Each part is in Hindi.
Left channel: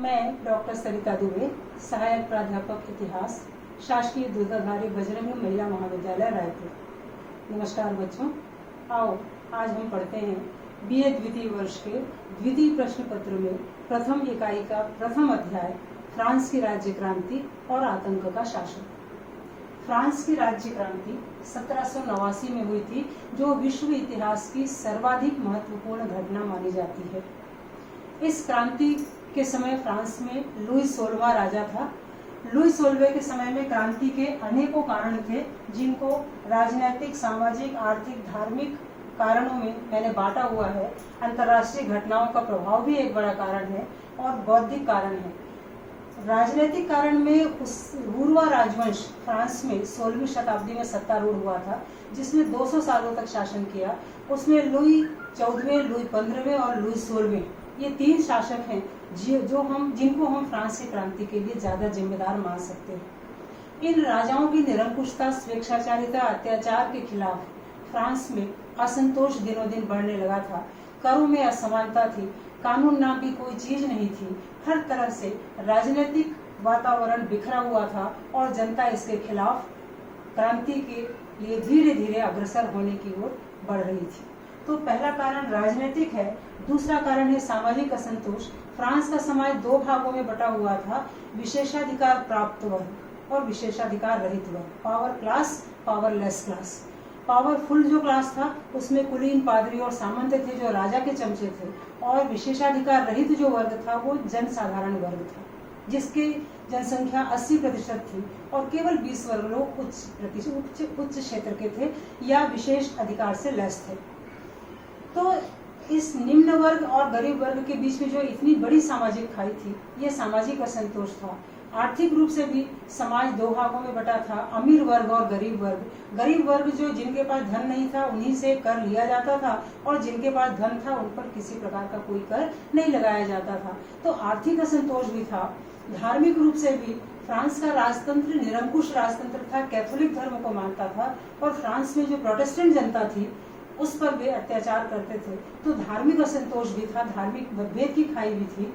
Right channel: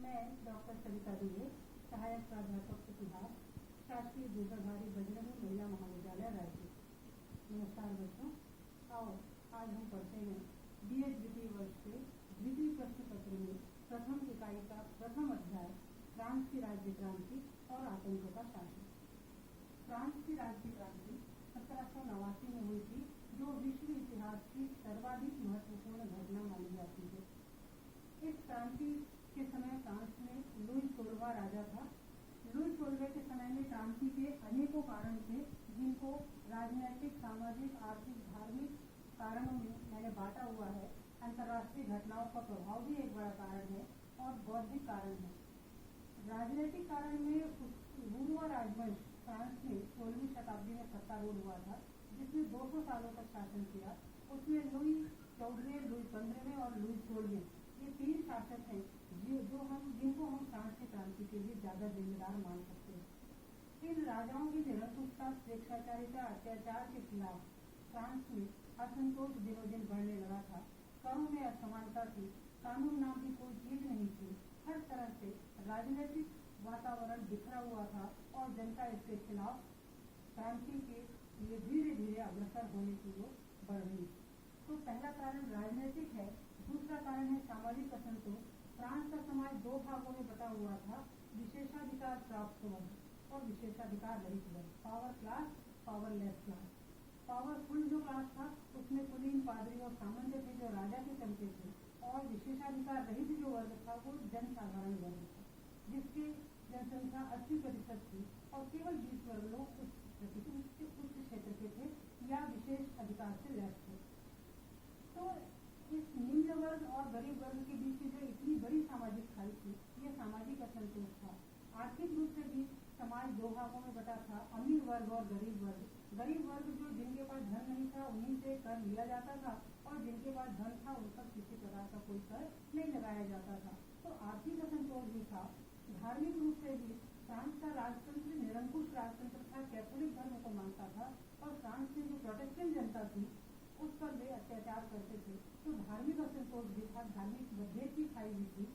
मैं डॉक्टर सरिता दुबे, सहायक प्राध्यापक इतिहास, शासकीय दुर्गाधारी बजरंग महिला महाविद्यालय रायपुर। नमस्कार बच्चों, आओ आज हम पढ़ते हैं बीए द्वितीय वर्ष के द्वितीय प्रश्न पत्र में प्रथम इकाई का प्रथम अध्याय फ्रांस की राज्य क्रांति और आतंक का शासन। फ्रांस की राज्य क्रांति 1789 में हुई थी, जो विश्व इतिहास की सर्वाधिक महत्वपूर्ण घटना मानी जाती है। इस क्रांति के समय फ्रांस में लुई 16वां राजा था। लुई 16वें के समय में क्रांति के अनेकों कारण थे, जिनको राजनीतिक, सामाजिक, आर्थिक, धार्मिक कारणों में मैंने बांटा हुआ है। अंतर्राष्ट्रीय घटनाओं का प्रभाव भी एक बड़ा कारण है और बौद्धिक कारण है। राजनीतिक कारण में वुरवा राजवंश फ्रांस में 16वीं शताब्दी में सत्तारूढ़ हुआ था, जिसने 200 सालों तक शासन किया। उसमें लुई 14वें, लुई 15वें और लुई 16वें, ये 3 शासक हैं जिनको हम फ्रांस की क्रांति के लिए ज्यादा जिम्मेदार मान सकते हैं। इन राजाओं की निरंकुशता, स्वेच्छाचारिता, अत्याचार के खिलाफ फ्रांस में असंतोष दिनों दिन बढ़ने लगा था। करों में असमानता थी, कानून नाम की कोई चीज नहीं थी। हर तरह से राजनीतिक वातावरण बिखरा हुआ था और जनता इसके खिलाफ क्रांति के लिए धीरे धीरे अग्रसर होने की ओर बढ़ रही थी। तो पहला कारण राजनीतिक है। दूसरा कारण है सामाजिक असंतोष। फ्रांस का समाज 2 भागों में बटा हुआ था, विशेषाधिकार प्राप्त वर्ग और विशेषाधिकार रहित वर्ग, power class, powerless class. Powerful जो क्लास था उसमें कुलीन, पादरी और सामंत थे, जो राजा के चमचे थे, और विशेषाधिकार रहित जो वर्ग था वो जनसाधारण वर्ग था, जिसकी जनसंख्या 80% थी और केवल 20 वर्ग लोग उच्च क्षेत्र के थे या विशेष अधिकार से लैस थे। तो इस निम्न वर्ग और गरीब वर्ग के बीच में जो इतनी बड़ी सामाजिक खाई थी, ये सामाजिक असंतोष था। आर्थिक रूप से भी समाज 2 भागों में बटा था, अमीर वर्ग और गरीब वर्ग। गरीब वर्ग जो जिनके पास धन नहीं था उन्हीं से कर लिया जाता था, और जिनके पास धन था उन पर किसी प्रकार का कोई कर नहीं लगाया जाता था। तो आर्थिक असंतोष भी था। धार्मिक रूप से भी फ्रांस का राजतंत्र निरंकुश राजतंत्र था, कैथोलिक धर्म को मानता था, और फ्रांस में जो प्रोटेस्टेंट जनता थी उस पर वे अत्याचार करते थे। तो धार्मिक असंतोष भी था, धार्मिक मतभेद की खाई भी थी।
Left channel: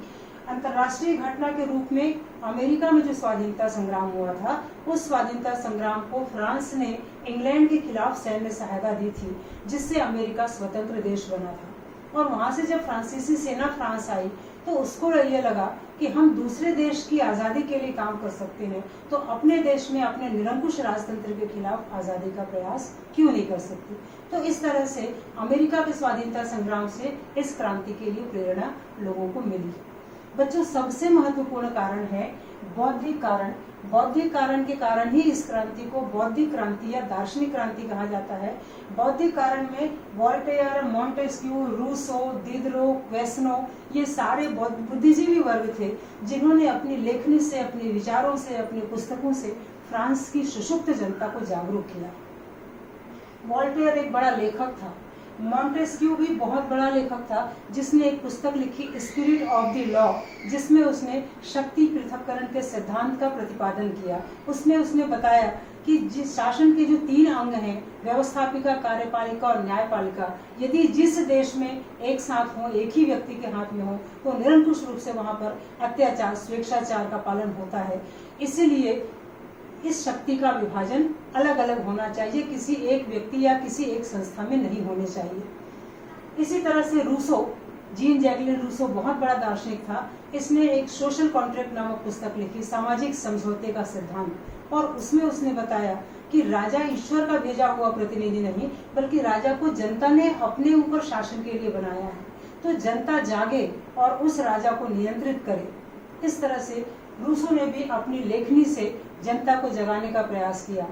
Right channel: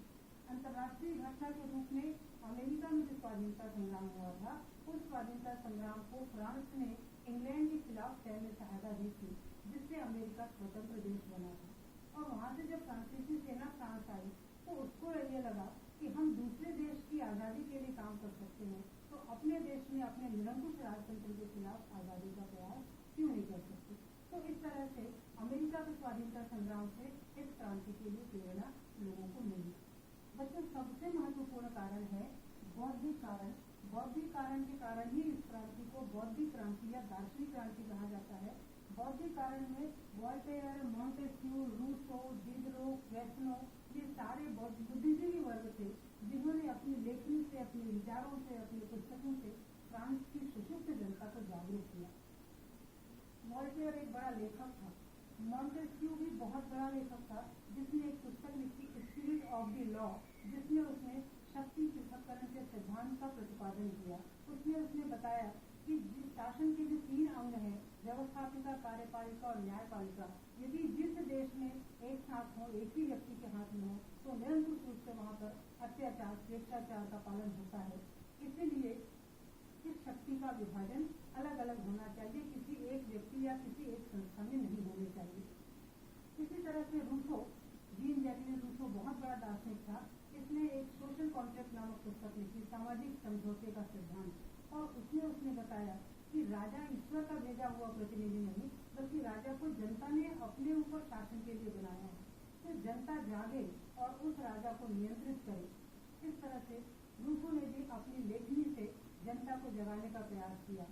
अंतर्राष्ट्रीय घटना के रूप में अमेरिका में जो स्वाधीनता संग्राम हुआ था, उस स्वाधीनता संग्राम को फ्रांस ने इंग्लैंड के खिलाफ सैन्य सहायता दी थी, जिससे अमेरिका स्वतंत्र देश बना था। और वहां से जब फ्रांसीसी सेना फ्रांस आई तो उसको ये लगा कि हम दूसरे देश की आज़ादी के लिए काम कर सकते हैं, तो अपने देश में अपने निरंकुश राजतंत्र के खिलाफ आज़ादी का प्रयास क्यों नहीं कर सकते। तो इस तरह से अमेरिका के स्वाधीनता संग्राम से इस क्रांति के लिए प्रेरणा लोगों को मिली। बच्चों, सबसे महत्वपूर्ण कारण है बौद्धिक कारण। बौद्धिक कारण के कारण ही इस क्रांति को बौद्धिक क्रांति या दार्शनिक क्रांति कहा जाता है। बौद्धिक कारण में वोल्टेयर, मॉन्टेस्क्यू, रूसो, दिदरो, क्वेसनो, ये सारे बुद्धिजीवी वर्ग थे, जिन्होंने अपनी लेखनी से, अपने विचारों से, अपनी पुस्तकों से फ्रांस की सुषुप्त जनता को जागरूक किया। वोल्टेयर एक बड़ा लेखक था। मॉन्टेस्क्यू भी बहुत बड़ा लेखक था, जिसने एक पुस्तक लिखी स्पिरिट ऑफ द लॉ, जिसमें उसने शक्ति पृथक्करण के सिद्धांत का प्रतिपादन किया। उसने बताया कि जिस शासन के जो 3 अंग हैं, व्यवस्थापिका, कार्यपालिका और न्यायपालिका, यदि जिस देश में एक साथ हो, एक ही व्यक्ति के हाथ में हो, तो निरंकुश रूप से वहां पर अत्याचार, स्वेच्छाचार का पालन होता है। इसीलिए इस शक्ति का विभाजन अलग अलग होना चाहिए, किसी एक व्यक्ति या किसी एक संस्था में नहीं होने चाहिए। इसी तरह से रूसो, जीन जैकलिन रूसो बहुत बड़ा दार्शनिक था। इसने एक सोशल कॉन्ट्रैक्ट नामक पुस्तक लिखी, सामाजिक समझौते का सिद्धांत, और उसमें उसने बताया कि राजा ईश्वर का भेजा हुआ प्रतिनिधि नहीं, बल्कि राजा को जनता ने अपने ऊपर शासन के लिए बनाया है। तो जनता जागे और उस राजा को नियंत्रित करे। इस तरह से रूसो ने भी अपनी लेखनी से जनता को जगाने का प्रयास किया।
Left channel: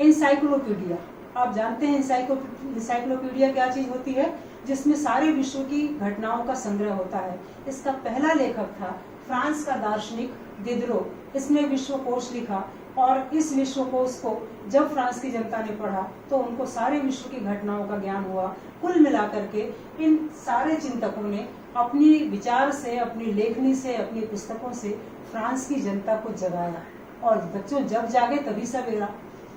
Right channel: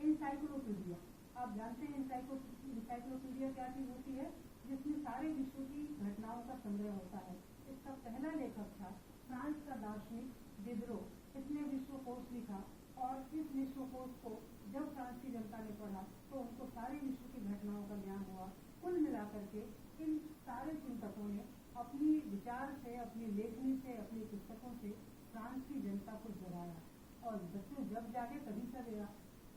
एनसाइक्लोपीडिया, आप जानते हैं एनसाइक्लोपीडिया क्या चीज होती है, जिसमें सारे विश्व की घटनाओं का संग्रह होता है। इसका पहला लेखक था फ्रांस का दार्शनिक दिदरो। इसने विश्वकोश लिखा, और इस विश्वकोश को जब फ्रांस की जनता ने पढ़ा तो उनको सारे विश्व की घटनाओं का ज्ञान हुआ। कुल मिलाकर के इन सारे चिंतकों ने अपनी विचार से, अपनी लेखनी से, अपनी पुस्तकों से फ्रांस की जनता को जगाया। और बच्चों, जब जागे तभी सवेरा।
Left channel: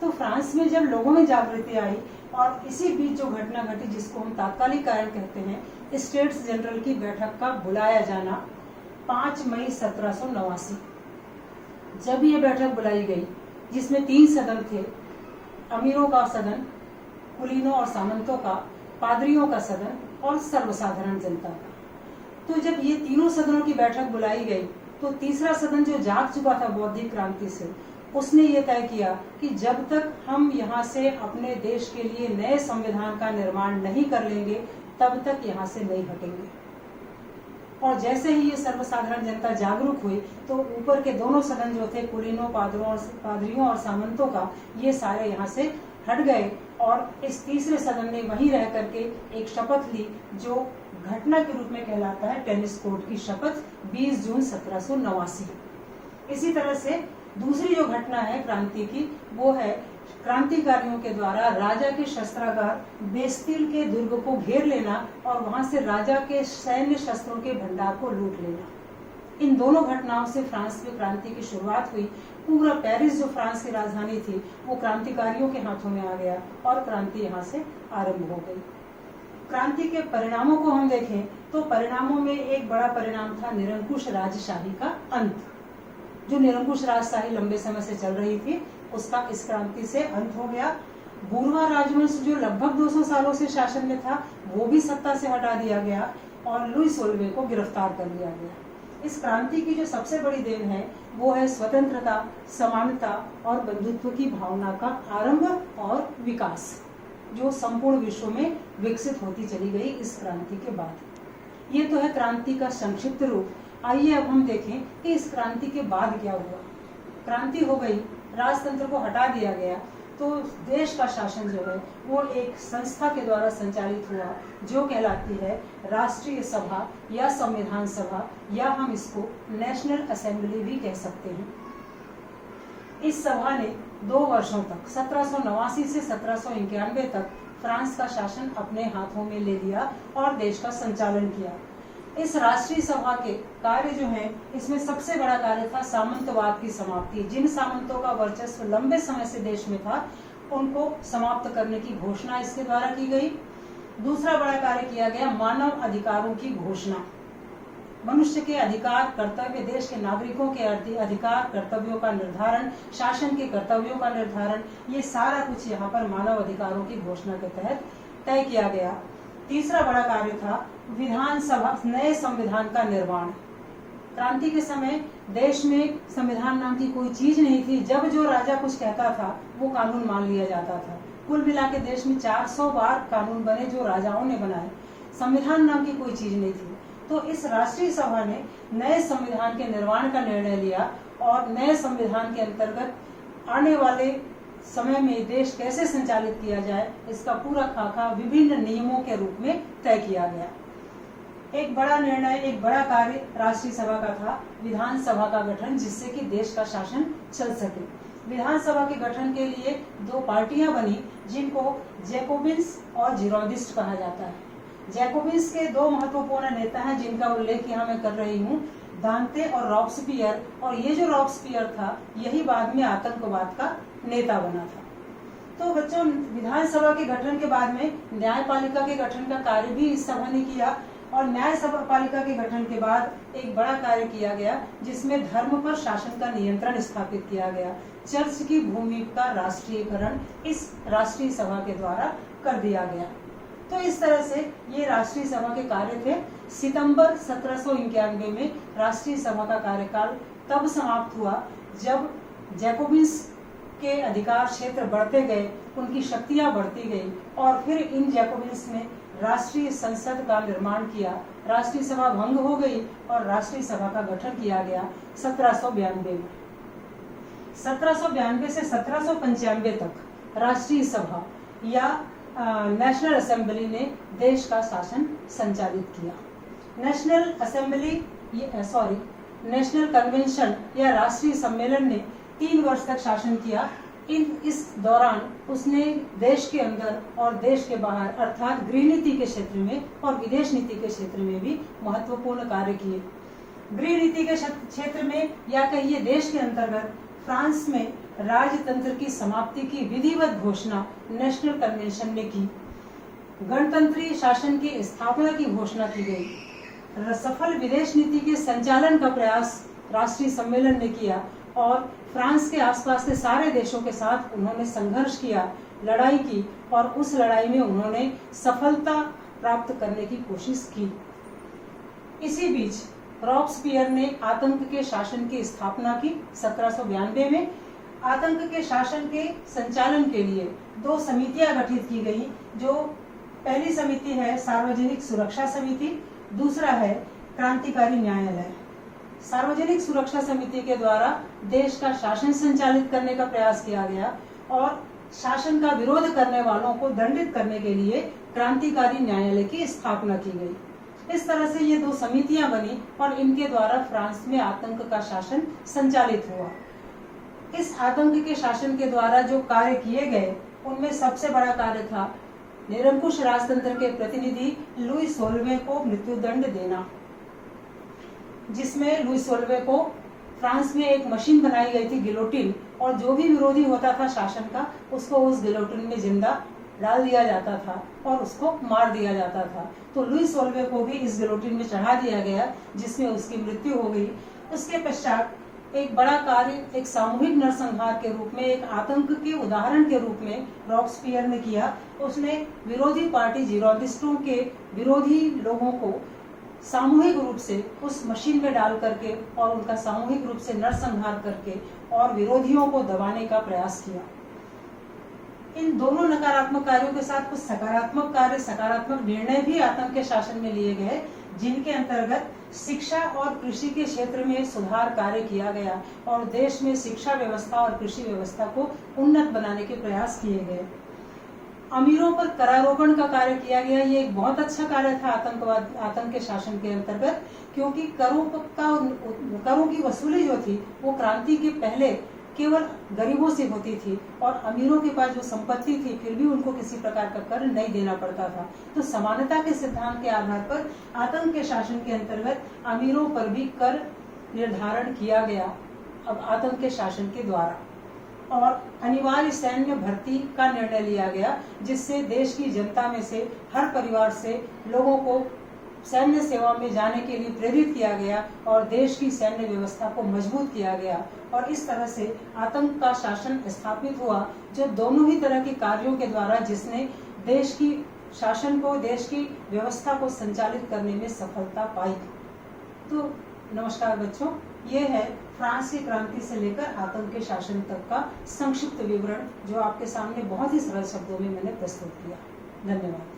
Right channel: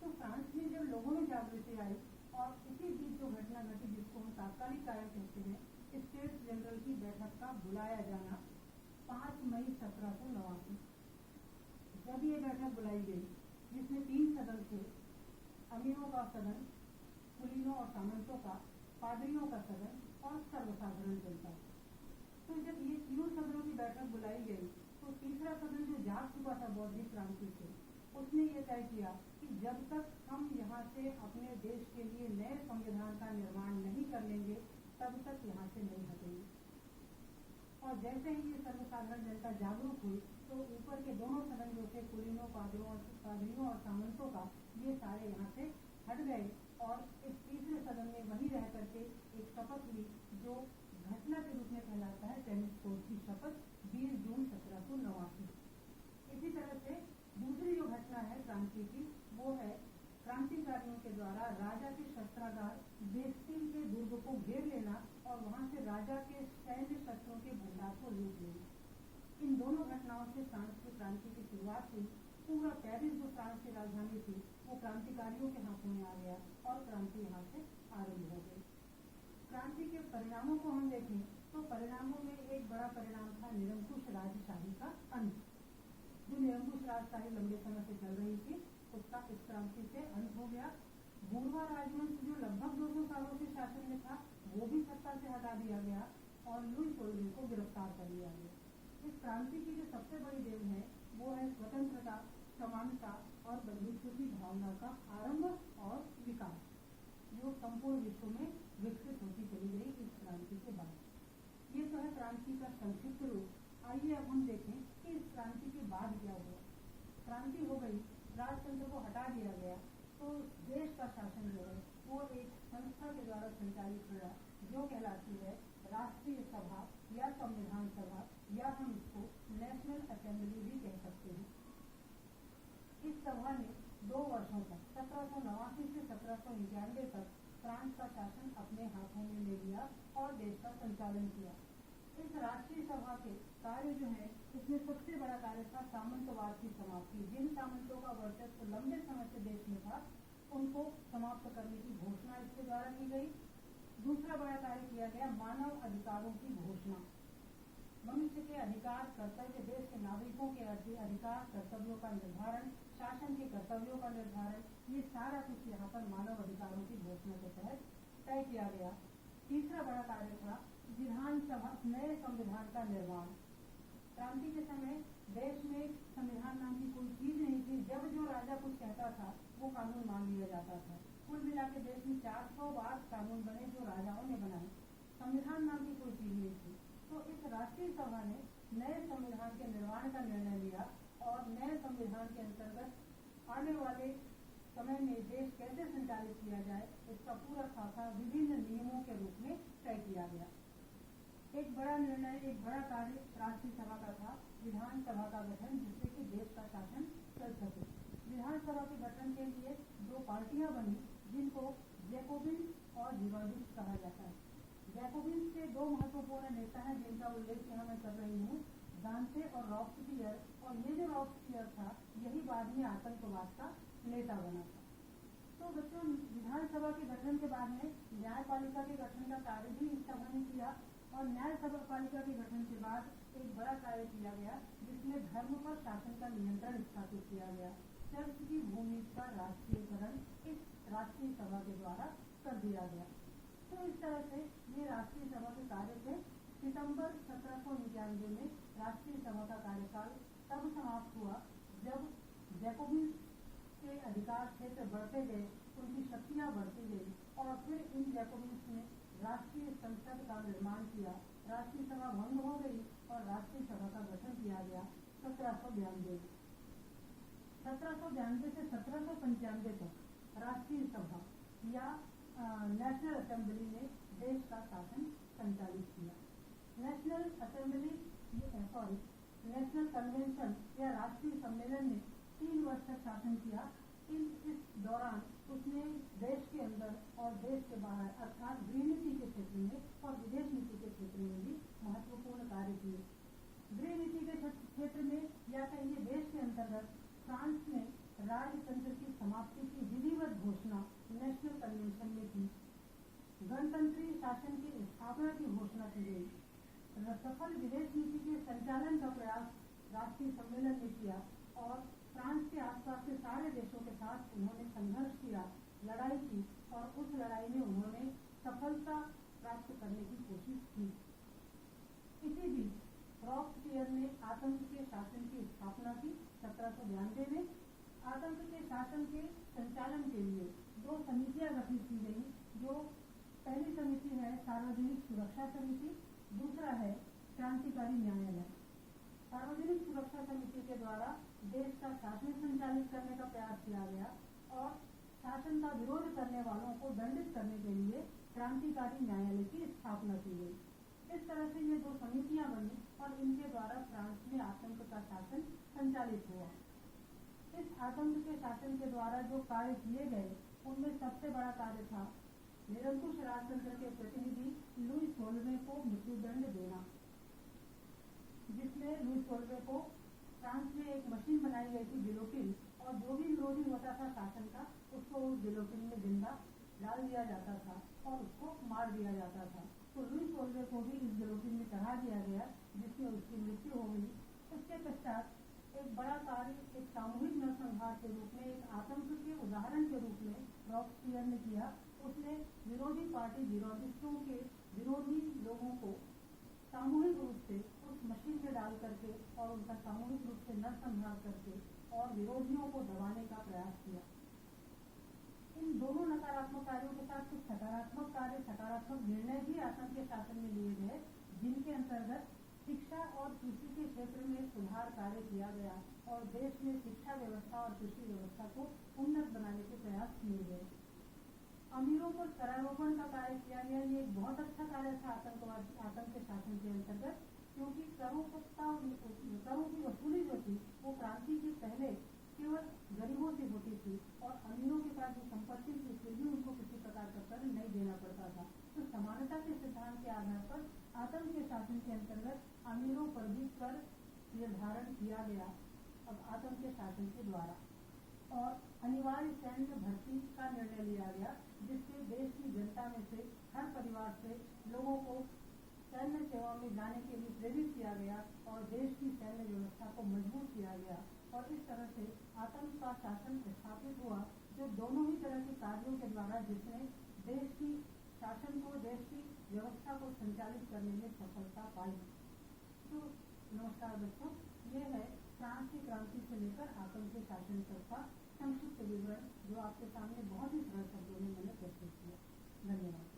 तो फ्रांस में जब लोगों में जागृति आई, और इसी बीच जो घटना घटी जिसको हम तात्कालिक कारण कहते हैं, स्टेट्स जनरल की बैठक का बुलाया जाना, 5 मई 1789। जब ये बैठक बुलाई गई जिसमें 3 सदन थे, अमीरों का सदन, कुलीनों और सामंतों का, पादरियों का सदन और सर्वसाधारण जनता का। तो जब ये तीनों सदनों की बैठक बुलाई गई तो तीसरा सदन जो जाग चुका था बौद्धिक क्रांति से, उसने ये तय किया कि जब तक हम यहाँ से अपने देश के लिए नए संविधान का निर्माण नहीं कर लेंगे तब तक यहाँ से नहीं हटेंगे। और जैसे ही ये सर्वसाधारण जनता जागरूक हुई तो ऊपर के दोनों सदन जो थे, कुलीनों, पादरियों और सामंतों का, ये सारे यहाँ से हट गए और इस तीसरे सदन ने वहीं रह करके एक शपथ ली जो घटना के रूप में कहलाता है टेनिस कोर्ट की शपथ, 20 जून 1789। इसी तरह से दूसरी जो घटना है क्रांति की, वो है क्रांतिकारियों के द्वारा राजा के शस्त्रागार बेस्तिल के दुर्ग को घेर लेना और वहां से राजा के सैन्य शस्त्रों के भंडार को लूट लेना। इन दोनों घटनाओं से फ्रांस में क्रांति की शुरुआत हुई। पूरा पेरिस जो फ्रांस की राजधानी थी वो क्रांतिकारियों के हाथों में आ गया और क्रांति यहाँ से आरंभ हो गई। क्रांति के परिणामों को हम देखें तो परिणामों में एक बड़ा परिणाम था निरंकुश राजशाही का अंत। जो निरंकुश राजशाही लंबे समय से चल रही थी उसका इस क्रांति से अंत हो गया। बूरवा राजवंश जो लगभग 200 सालों से शासन में था वो भी सत्ता से हटा दिया गया और लुई सोल्वे को गिरफ्तार कर लिया गया। इस क्रांति की जो सबसे बड़ी देन है वो है स्वतंत्रता, समानता और बंधुत्व की भावना का आरंभ और विकास, जो संपूर्ण विश्व में विकसित होती चली गई इस क्रांति के बाद। ये तो है क्रांति का संक्षिप्त रूप। आइए अब हम देखें कि इस क्रांति के बाद क्या हुआ। क्रांति हो गई, राजतंत्र को हटा दिया गया, तो देश का शासन जो है वो एक संस्था के द्वारा संचालित हुआ जो कहलाती है राष्ट्रीय सभा या संविधान सभा, या हम इसको नेशनल असेंबली भी कह सकते हैं। इस सभा ने 2 वर्षों तक 1789 से 1791 तक फ्रांस का शासन अपने हाथों में ले लिया और देश का संचालन किया। इस राष्ट्रीय सभा के कार्य जो हैं, इसमें सबसे बड़ा कार्य था सामंतवाद की समाप्ति। जिन सामंतों का वर्चस्व लंबे समय से देश में था उनको समाप्त करने की घोषणा इसके द्वारा की गई। दूसरा बड़ा कार्य किया गया मानव अधिकारों की घोषणा। मनुष्य के अधिकार, कर्तव्य, देश के नागरिकों के अधिकार, कर्तव्यों का निर्धारण, शासन के कर्तव्यों का निर्धारण, ये सारा कुछ यहाँ पर मानव अधिकारों की घोषणा के तहत तय किया गया। तीसरा बड़ा कार्य था विधानसभा, नए संविधान का निर्माण। क्रांति के समय देश में संविधान नाम की कोई चीज नहीं थी। जब जो राजा कुछ कहता था वो कानून मान लिया जाता था। कुल मिला के देश में 400 बार कानून बने जो राजाओं ने बनाए। संविधान नाम की कोई चीज नहीं थी। तो इस राष्ट्रीय सभा ने नए संविधान के निर्माण का निर्णय लिया और नए संविधान के अंतर्गत आने वाले समय में देश कैसे संचालित किया जाए इसका पूरा खाका विभिन्न नियमों के रूप में तय किया गया। एक बड़ा निर्णय, एक बड़ा कार्य राष्ट्रीय सभा का था विधानसभा का गठन, जिससे कि देश का शासन चल सके। विधानसभा के गठन के लिए 2 पार्टियां बनी जिनको जैकोबिन्स और जिरोडिस्ट कहा जाता है। जैकोबिन्स के 2 महत्वपूर्ण नेता हैं जिनका उल्लेख यहाँ मैं कर रही हूँ, दांते और रॉब्सपियर। और ये जो रॉब्सपियर था यही बाद में आतंकवाद का नेता बना था। तो बच्चों, विधानसभा के गठन के बाद में न्यायपालिका के गठन का कार्य भी इस सभा ने किया और न्यायपालिका के गठन के बाद एक बड़ा कार्य किया गया जिसमें धर्म पर शासन का नियंत्रण स्थापित किया गया। चर्च की भूमि का राष्ट्रीयकरण इस राष्ट्रीय सभा के द्वारा कर दिया गया। तो इस तरह से ये राष्ट्रीय सभा के कार्य थे। सितंबर 1791 में राष्ट्रीय सभा का कार्यकाल तब समाप्त हुआ जब जैकोबिन्स के अधिकार क्षेत्र बढ़ते गए, उनकी शक्तियां बढ़ती गई और फिर इन जैकोबिन्स ने राष्ट्रीय संसद का निर्माण किया। राष्ट्रीय सभा भंग हो गई और राष्ट्रीय सभा का गठन किया गया 1792 में। 1792 से 1795 तक राष्ट्रीय सभा या नेशनल असेंबली ने देश का शासन संचालित किया। नेशनल कन्वेंशन या राष्ट्रीय सम्मेलन ने 3 वर्ष तक शासन किया। इस दौरान उसने देश के अंदर और देश के बाहर अर्थात गृह नीति के क्षेत्र में और विदेश नीति के क्षेत्र में भी महत्वपूर्ण कार्य किए। गृह नीति के क्षेत्र में या कहिए देश के अंतर्गत फ्रांस में राजतंत्र की समाप्ति की विधिवत घोषणा नेशनल कन्वेंशन ने की। गणतंत्री शासन की स्थापना की घोषणा की गई। सफल विदेश नीति के संचालन का प्रयास राष्ट्रीय सम्मेलन ने किया और फ्रांस के आसपास के सारे देशों के साथ उन्होंने संघर्ष किया, लड़ाई की और उस लड़ाई में उन्होंने सफलता प्राप्त करने की कोशिश की। इसी बीच रॉब्सपियर ने आतंक के शासन की स्थापना की 1792 में। आतंक के शासन के संचालन के लिए 2 समितियां गठित की गई, जो पहली समिति है सार्वजनिक सुरक्षा समिति, दूसरा है क्रांतिकारी न्यायालय। सार्वजनिक सुरक्षा समिति के द्वारा देश का शासन संचालित करने का प्रयास किया गया और शासन का विरोध करने वालों को दंडित करने के लिए क्रांतिकारी न्यायालय की स्थापना की गई। इस तरह से ये 2 समितियां बनी और इनके द्वारा फ्रांस में आतंक का शासन संचालित हुआ। इस आतंक के शासन के द्वारा जो कार्य किए गए उनमें सबसे बड़ा कार्य था निरंकुश राजतंत्र के प्रतिनिधि लुई सोल्वे को मृत्युदंड देना, जिसमें लुई सोल्वे को फ्रांस में एक मशीन बनाई गई थी गिलोटिन, और जो भी विरोधी होता था शासन का उसको उस गिलोटिन में जिंदा डाल दिया जाता था और उसको मार दिया जाता था। तो लुई सोल्वे को भी इस गिलोटिन में चढ़ा दिया गया, जिसमें उसकी मृत्यु हो गई। उसके पश्चात एक बड़ा कार्य एक सामूहिक नरसंहार के रूप में, एक आतंक के उदाहरण के रूप में रॉब्सपियर ने किया। उसने विरोधी पार्टी जिरोडिस्टों के विरोधी लोगों को सामूहिक रूप से उस मशीन में डाल करके और उनका सामूहिक रूप से नरसंहार करके और विरोधियों को दबाने का प्रयास किया। इन दोनों नकारात्मक कार्यों के साथ कुछ सकारात्मक कार्य, सकारात्मक निर्णय भी आतंक के शासन में लिए गए, जिनके अंतर्गत शिक्षा और कृषि के क्षेत्र में सुधार कार्य किया गया और देश में शिक्षा व्यवस्था और कृषि व्यवस्था को उन्नत बनाने के प्रयास किए गए। अमीरों पर करारोपण का कार्य किया गया। ये एक बहुत अच्छा कार्य था आतंक के शासन के अंतर्गत, क्योंकि करों की वसूली जो थी वो क्रांति के पहले केवल गरीबों से होती थी और अमीरों के पास जो संपत्ति थी फिर भी उनको किसी प्रकार का कर नहीं देना पड़ता था। तो समानता के सिद्धांत के आधार पर आतंक के शासन के अंतर्गत अमीरों पर भी कर निर्धारण किया गया अब आतंक के शासन के द्वारा, और अनिवार्य सैन्य भर्ती का निर्णय लिया गया, जिससे देश की जनता में से हर परिवार से लोगों को सैन्य सेवा में जाने के लिए प्रेरित किया गया और देश की सैन्य व्यवस्था को मजबूत किया गया। और इस तरह से आतंक का शासन स्थापित हुआ, जो दोनों ही तरह के कार्यों के द्वारा जिसने देश की शासन को, देश की व्यवस्था को संचालित करने में सफलता पाई। तो नमस्कार बच्चों, ये है फ्रांस की क्रांति से लेकर आतंक के शासन तक का संक्षिप्त विवरण, जो आपके सामने बहुत ही सरल शब्दों में मैंने प्रस्तुत किया। धन्यवाद।